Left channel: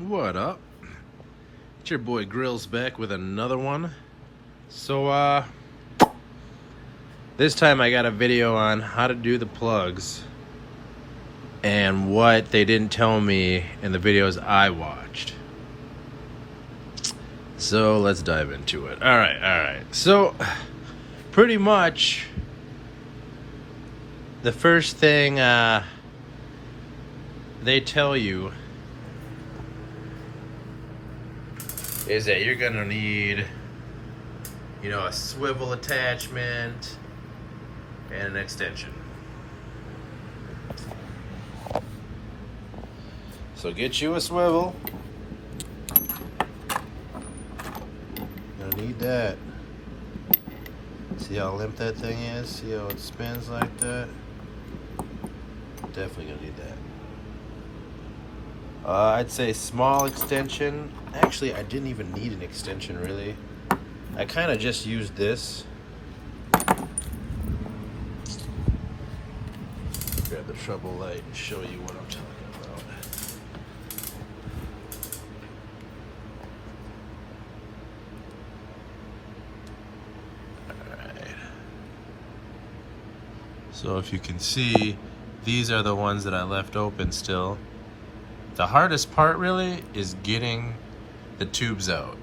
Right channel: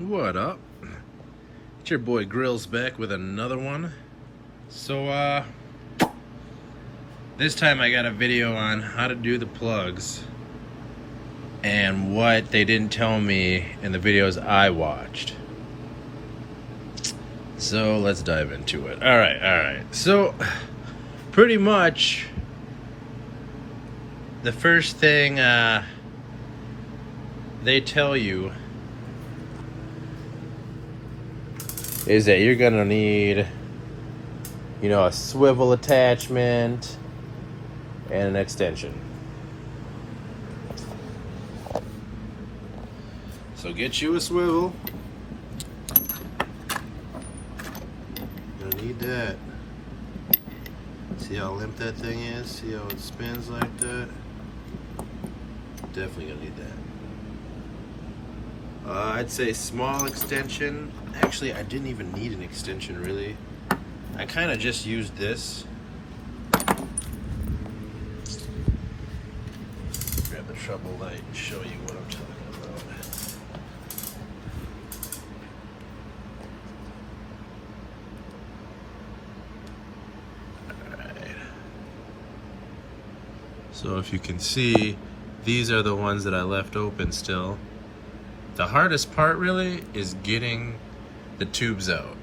What up? It's your boy Grills back with another one. So this time I got a video on how to do the plugs and what they didn't tell me in the videos I watched. So let's dive into it. All right. So pretty much the first thing they tell you is that you're gonna need, a swivel attachment and an extension. So get you a swivel. Gonna need that. See how limp that thing is? See how it spins like that? Definitely gonna need that. I'd say small extension. Actually, I didn't even need an extension really. I kind of just used this. Grab the trouble light and show you what I'm talking about. Alright. So if you can see, these are the ones that I left open still. The hardest part really is getting the tubes out.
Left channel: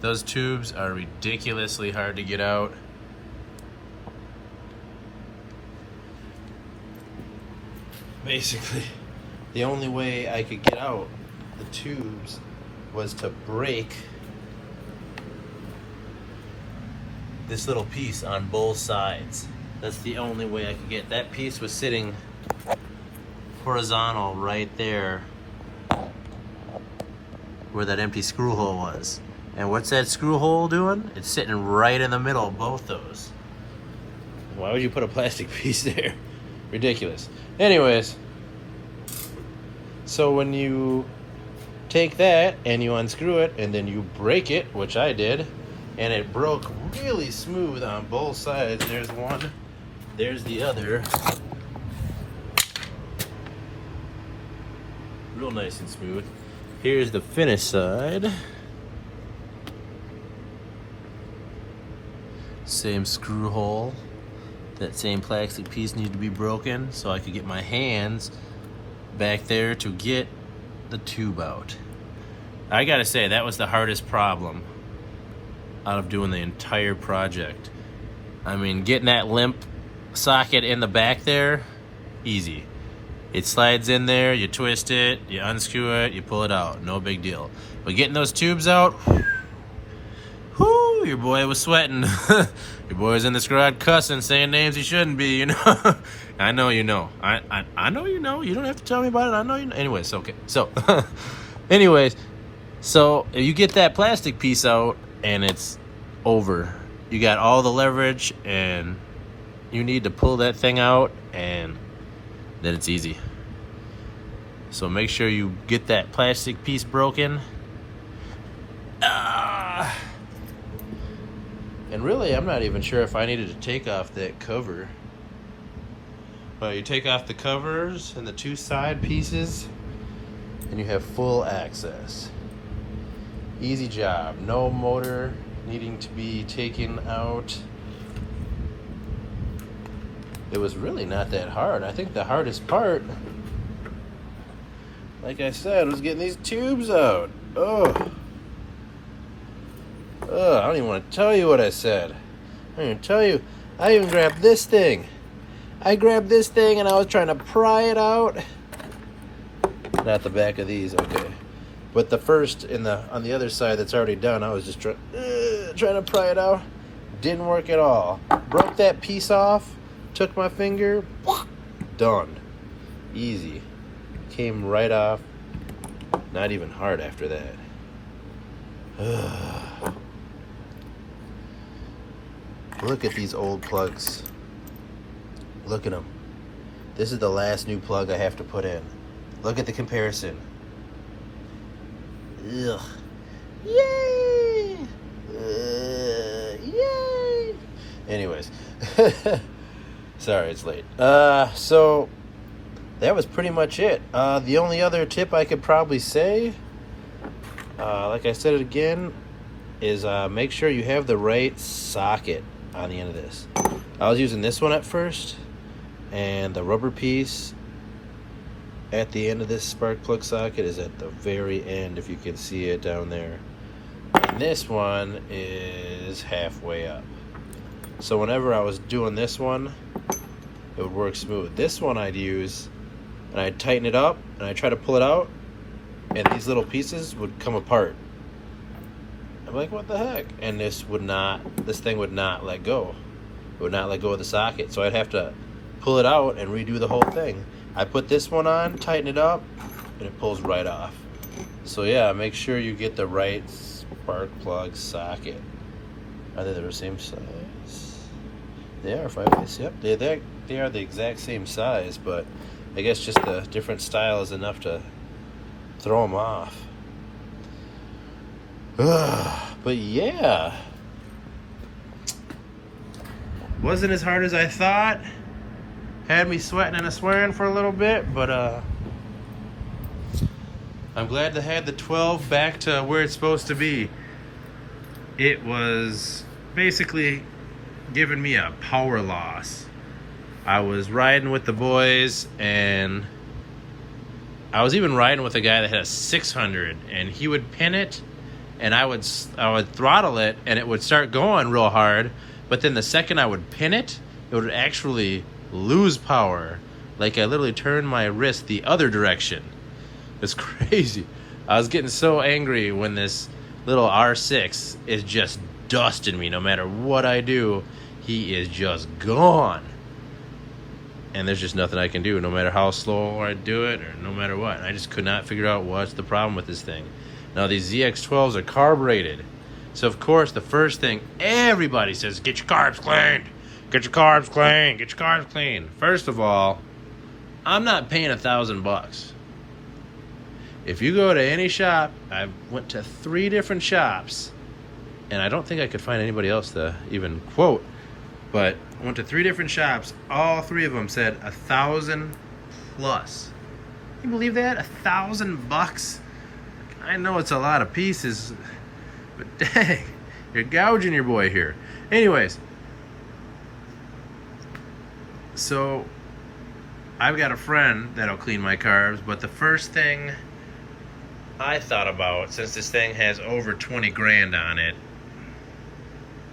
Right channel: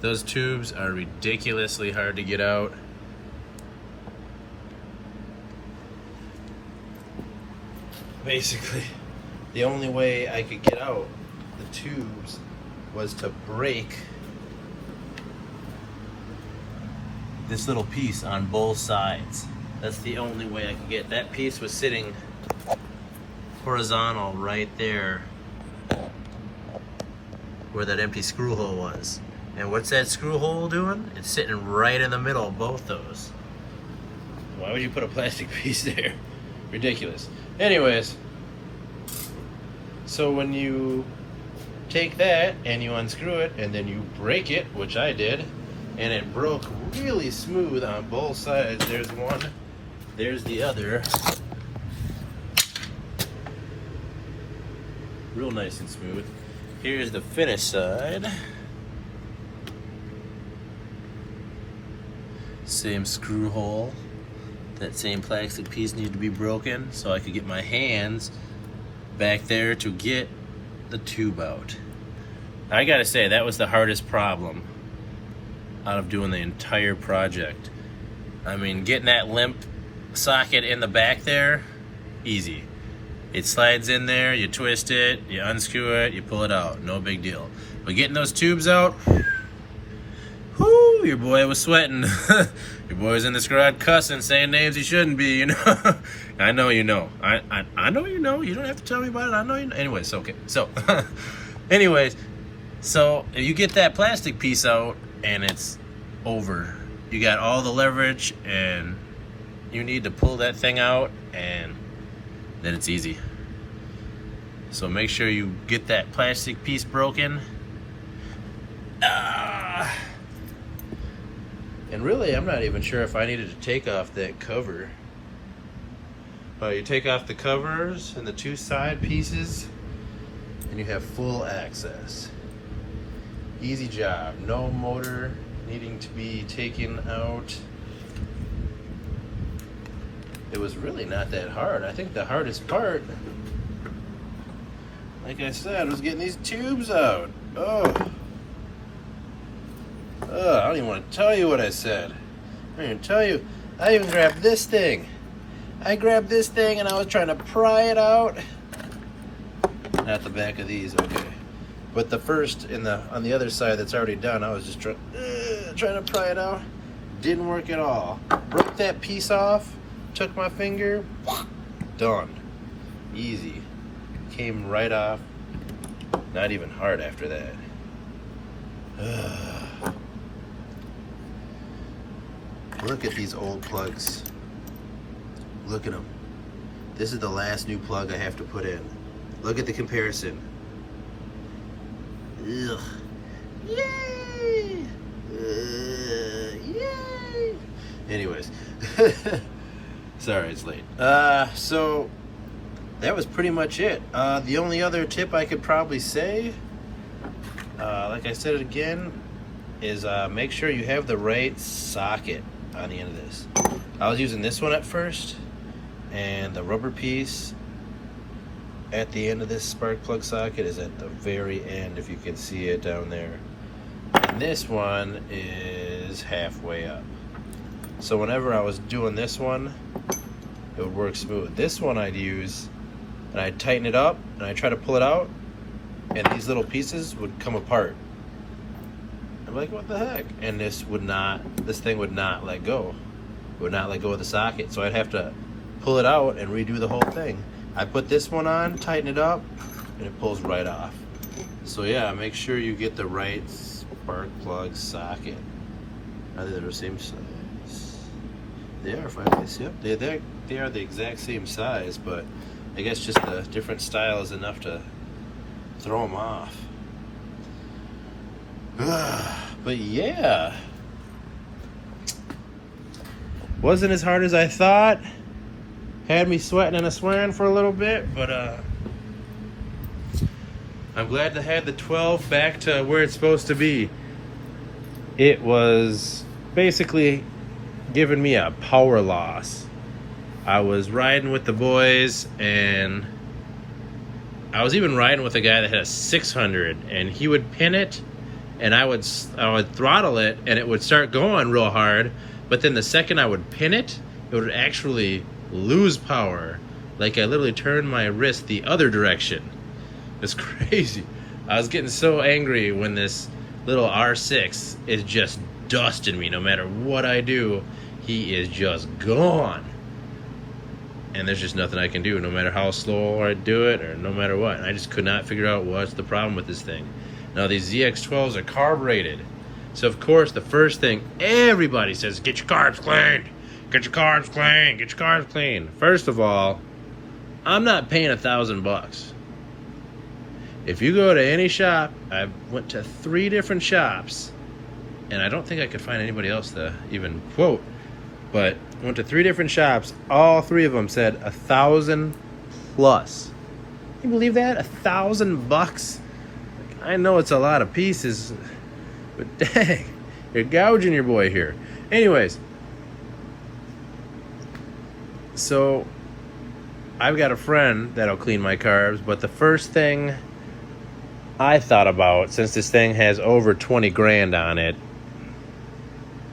Those tubes are ridiculously hard to get out. Basically, the only way I could get out the tubes was to break this little piece on both sides. That's the only way I could get. That piece was sitting horizontal right there where that empty screw hole was. And what's that screw hole doing? It's sitting right in the middle of both those. Why would you put a plastic piece there? Ridiculous. Anyways, so when you take that and you unscrew it and then you break it, which I did, and it broke really smooth on both sides. There's one, there's the other. Real nice and smooth. Here's the finished side. Same screw hole. That same plastic piece needed to be broken so I could get my hands back there to get the tube out. I gotta say, that was the hardest problem out of doing the entire project. I mean, getting that limp socket in the back there, easy. It slides in there, you twist it, you unscrew it, you pull it out, no big deal. But getting those tubes out, whoo, your boy was sweating. Your boy was in this garage cussing, saying names he shouldn't be, I know you know. I know you know. You don't have to tell me about it. I know you know. Anyways, okay. So, anyways, so you get that plastic piece out and it's over. You got all the leverage and you need to pull that thing out and then it's easy. So make sure you get that plastic piece broken. And really, I'm not even sure if I needed to take off that cover. You take off the covers and the two side pieces, and you have full access. Easy job. No motor needing to be taken out. It was really not that hard. I think the hardest part, like I said, was getting these tubes out. I don't even want to tell you what I said. I don't even tell you. I even grabbed this thing. I grabbed this thing and I was trying to pry it out. Not the back of these, okay. But the first on the other side that's already done, I was just trying to pry it out. Didn't work at all. Broke that piece off. Took my finger, done. Easy. Came right off. Not even hard after that. Look at these old plugs. Look at them. This is the last new plug I have to put in. Look at the comparison. Ugh. Yay! Yay! Anyways. Sorry, it's late. So that was pretty much it. The only other tip I could probably say, like I said again, is make sure you have the right socket on the end of this. I was using this one at first, and the rubber piece at the end of this spark plug socket is at the very end, if you can see it down there. And this one is halfway up. So whenever I was doing this one, it would work smooth. This one I'd use, and I'd tighten it up, and I'd try to pull it out, and these little pieces would come apart. I'm like, what the heck? And this thing would not let go. It would not let go of the socket. So I'd have to pull it out and redo the whole thing. I put this one on, tighten it up, and it pulls right off. So yeah, make sure you get the right spark plug socket. I think they're the same size. They are 5/8. Yep, they are the exact same size, but I guess just the different style is enough to throw them off. But yeah, wasn't as hard as I thought. Had me sweating and swearing for a little bit, but I'm glad to have the 12 back to where it's supposed to be. It was basically giving me a power loss. I was riding with the boys, and I was even riding with a guy that had a 600, and he would pin it, and I would throttle it, and it would start going real hard, but then the second I would pin it, it would actually lose power. Like I literally turned my wrist the other direction. It's crazy. I was getting so angry when this little R6 is just dusting me. No matter what I do, he is just gone. And there's just nothing I can do, no matter how slow I do it or no matter what. And I just could not figure out what's the problem with this thing. Now these Zx12s are carb rated. So of course the first thing everybody says, get your carbs cleaned. Get your carbs clean, get your carbs clean. First of all, I'm not paying $1,000. If you go to any shop, I went to 3 different shops, and I don't think I could find anybody else to even quote, but I went to 3 different shops. All 3 of them said $1,000 plus. Can you believe that? $1,000 bucks? Like, I know it's a lot of pieces, but dang, you're gouging your boy here. Anyways, so I've got a friend that'll clean my carbs, but the first thing I thought about, since this thing has over 20 grand on it,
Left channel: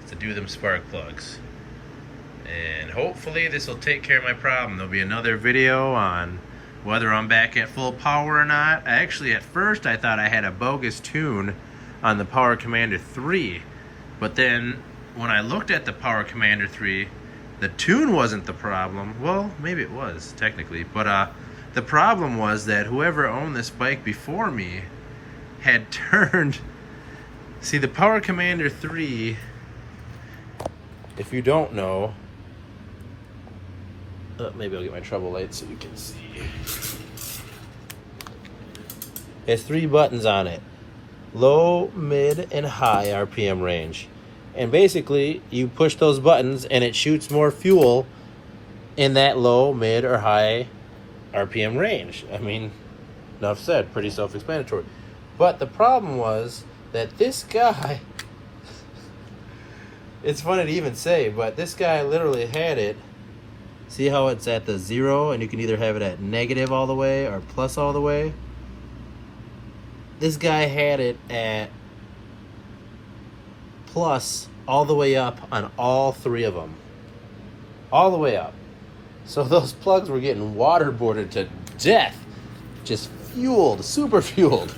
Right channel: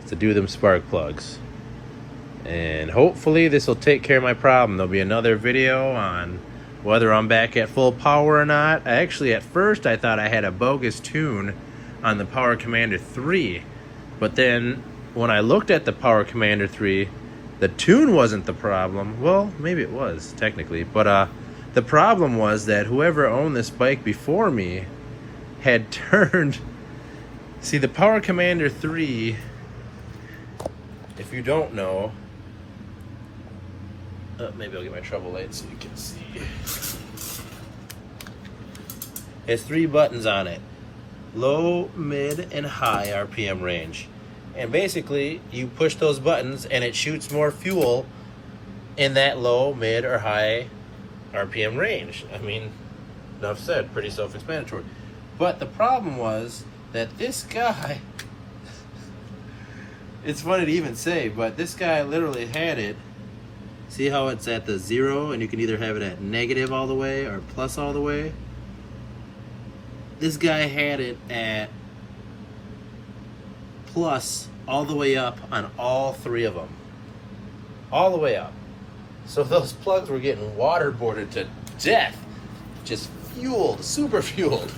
is to do them spark plugs. And hopefully this will take care of my problem. There'll be another video on whether I'm back at full power or not. Actually, at first I thought I had a bogus tune on the Power Commander 3, but then when I looked at the Power Commander 3, the tune wasn't the problem. Well, maybe it was, technically. But the problem was that whoever owned this bike before me had turned... See, the Power Commander 3, if you don't know... maybe I'll get my trouble light so you can see. It has 3 buttons on it. Low, mid, and high RPM range. And basically, you push those buttons and it shoots more fuel in that low, mid, or high RPM range. I mean, enough said, pretty self-explanatory. But the problem was that this guy, it's funny to even say, but this guy literally had it. See how it's at the 0, and you can either have it at negative all the way or plus all the way? This guy had it at plus all the way up on all 3 of them. All the way up. So those plugs were getting waterboarded to death. Just fueled, super fueled.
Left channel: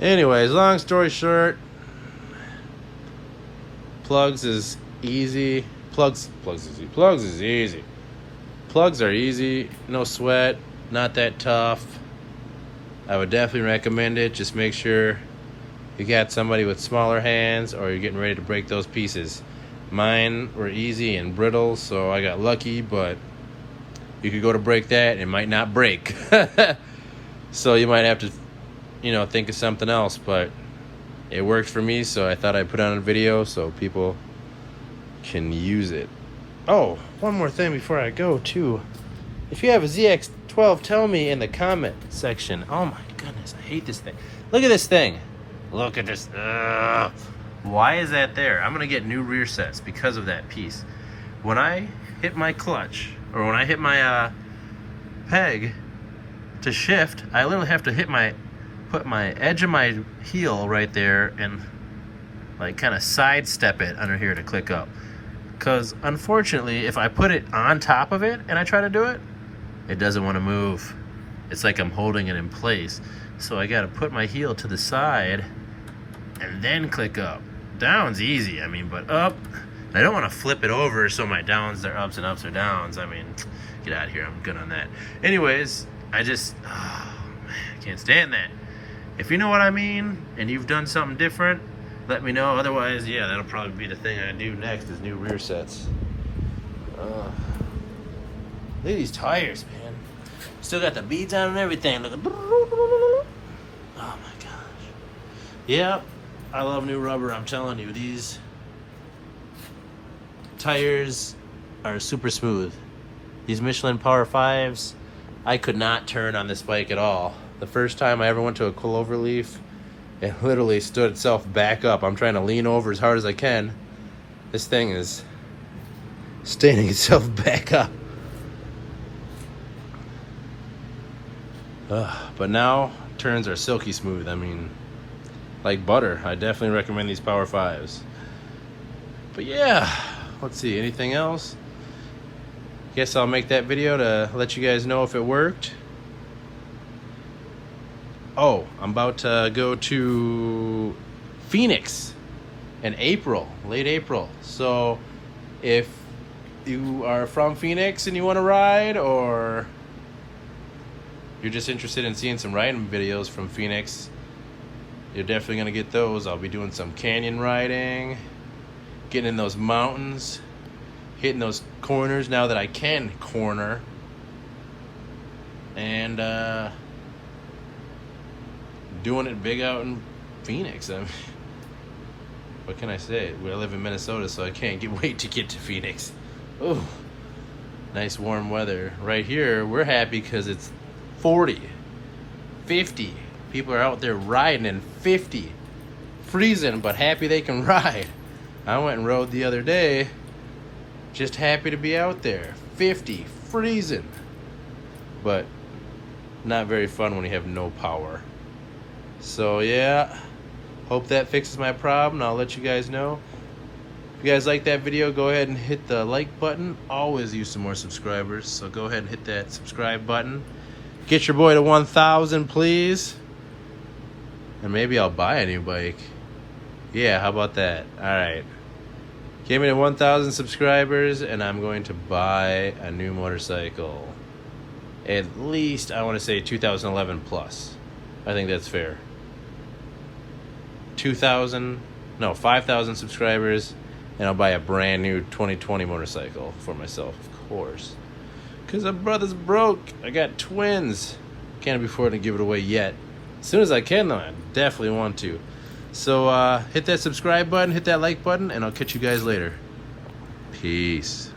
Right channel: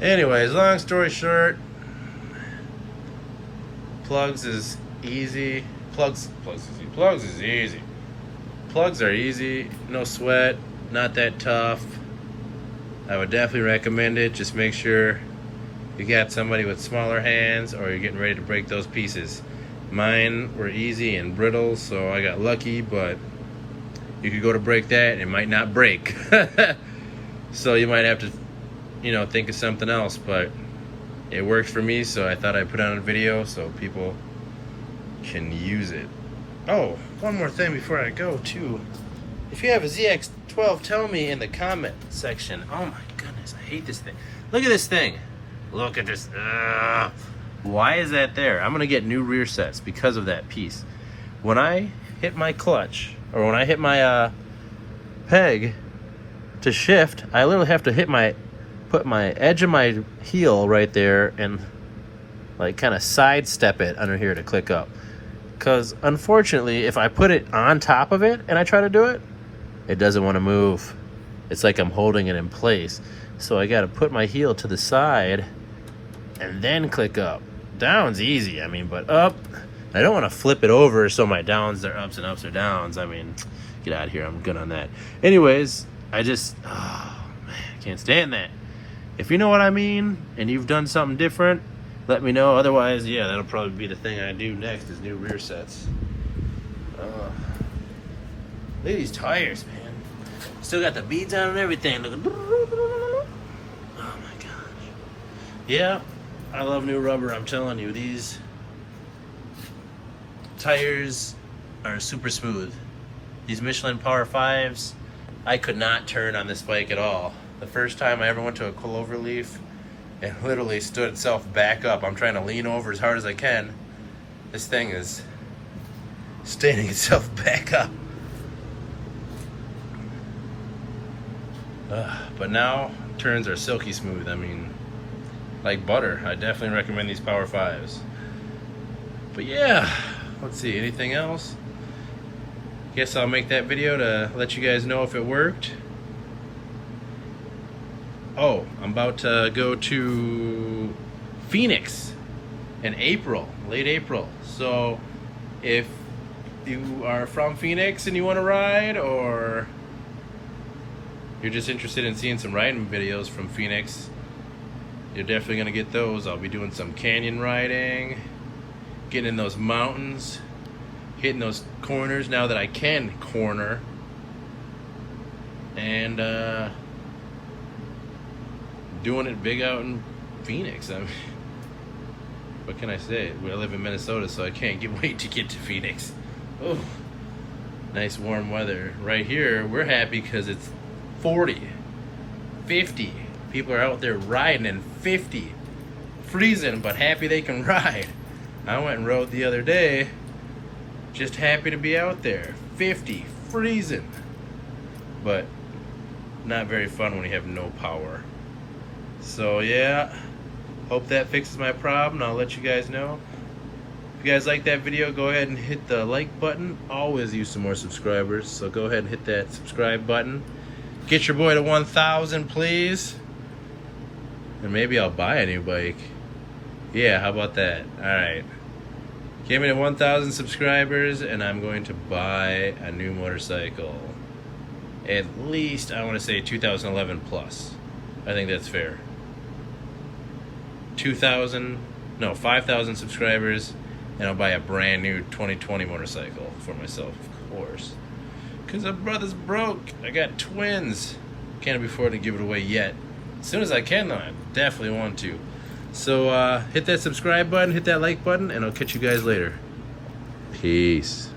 Anyways, long story short, plugs is easy. Plugs is easy. Plugs are easy, no sweat, not that tough. I would definitely recommend it. Just make sure you got somebody with smaller hands or you're getting ready to break those pieces. Mine were easy and brittle, so I got lucky, but you could go to break that and it might not break. So you might have to, think of something else, but it worked for me, so I thought I'd put on a video so people can use it. Oh, one more thing before I go too. If you have a ZX12, tell me in the comment section. Oh my goodness, I hate this thing. Look at this thing. Look at this. Why is that there? I'm gonna get new rear sets because of that piece. When I hit my clutch, or when I hit my peg to shift, I literally have to put my edge of my heel right there and like kind of sidestep it under here to click up. Because unfortunately, if I put it on top of it and I try to do it, it doesn't want to move. It's like I'm holding it in place. So I got to put my heel to the side and then click up. Down's easy, I mean, but up, I don't want to flip it over so my downs, they're ups and ups or downs. I mean, get out of here, I'm good on that. Anyways, oh man, I can't stand that. If you know what I mean and you've done something different, let me know. Otherwise, yeah, that'll probably be the thing I do next is new rear sets. Look at these tires, man. Still got the beads on and everything. Oh my gosh. Yeah, I love new rubber. I'm telling you, these tires are super smooth. These Michelin Power 5s, I could not turn on this bike at all. The first time I ever went to a clover leaf, it literally stood itself back up. I'm trying to lean over as hard as I can. This thing is standing itself back up. But now, turns are silky smooth. I mean, like butter. I definitely recommend these Power 5s. But yeah, let's see, anything else? Guess I'll make that video to let you guys know if it worked. Oh, I'm about to go to Phoenix in April, late April. So if you are from Phoenix and you want to ride, or you're just interested in seeing some riding videos from Phoenix, you're definitely gonna get those. I'll be doing some canyon riding, getting in those mountains, hitting those corners now that I can corner, and doing it big out in Phoenix. I mean, what can I say? I live in Minnesota, so I can't wait to get to Phoenix. Oh, nice warm weather. Right here, we're happy because it's 40, 50. People are out there riding in 50. Freezing, but happy they can ride. I went and rode the other day, just happy to be out there. 50, freezing. But not very fun when you have no power. So yeah, hope that fixes my problem. I'll let you guys know. If you guys like that video, go ahead and hit the like button. Always use some more subscribers, so go ahead and hit that subscribe button. Get your boy to 1,000, please. And maybe I'll buy a new bike. Yeah, how about that? Alright. Get me to 1,000 subscribers and I'm going to buy a new motorcycle. At least, I want to say 2011 plus. I think that's fair. 5,000 subscribers, and I'll buy a brand new 2020 motorcycle for myself, of course. Because my brother's broke. I got twins. Can't afford to give it away yet. As soon as I can, though, I definitely want to. So hit that subscribe button, hit that like button, and I'll catch you guys later. Peace.